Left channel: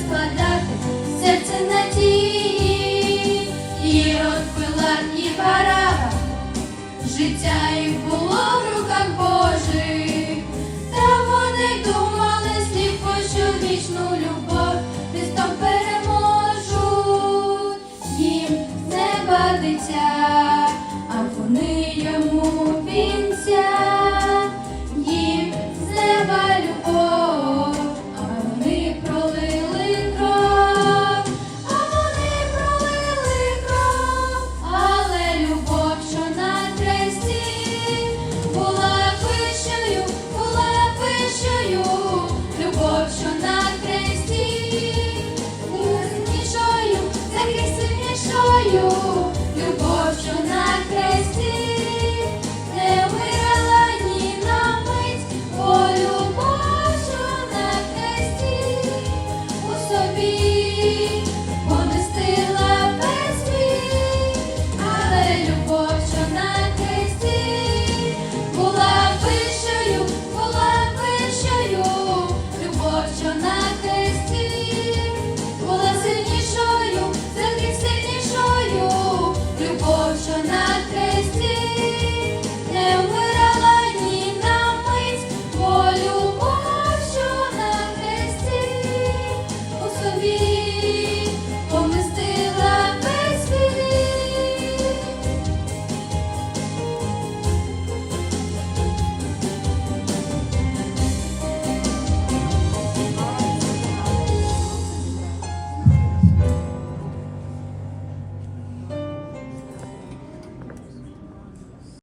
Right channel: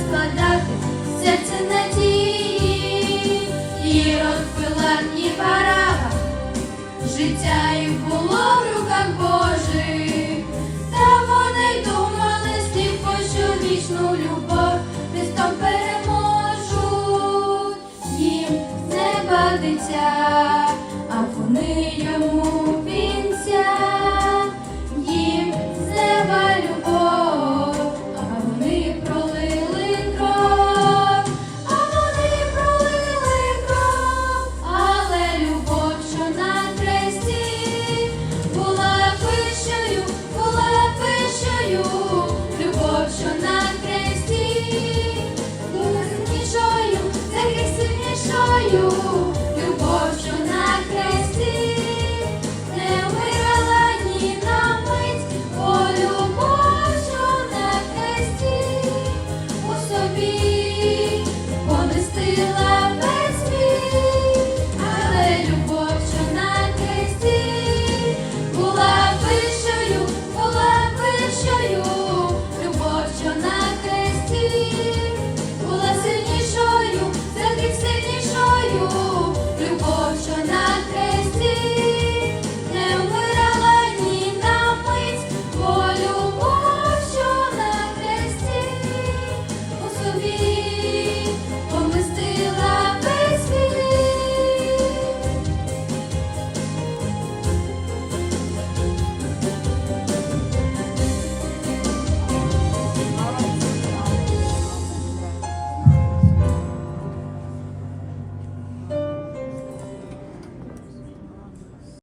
Складати серце надії, і розпила і парава, життя їх було в руках Божих, та вони думали сліпо, що вічну любов. Христом переможуть їм не бадиться, а вони.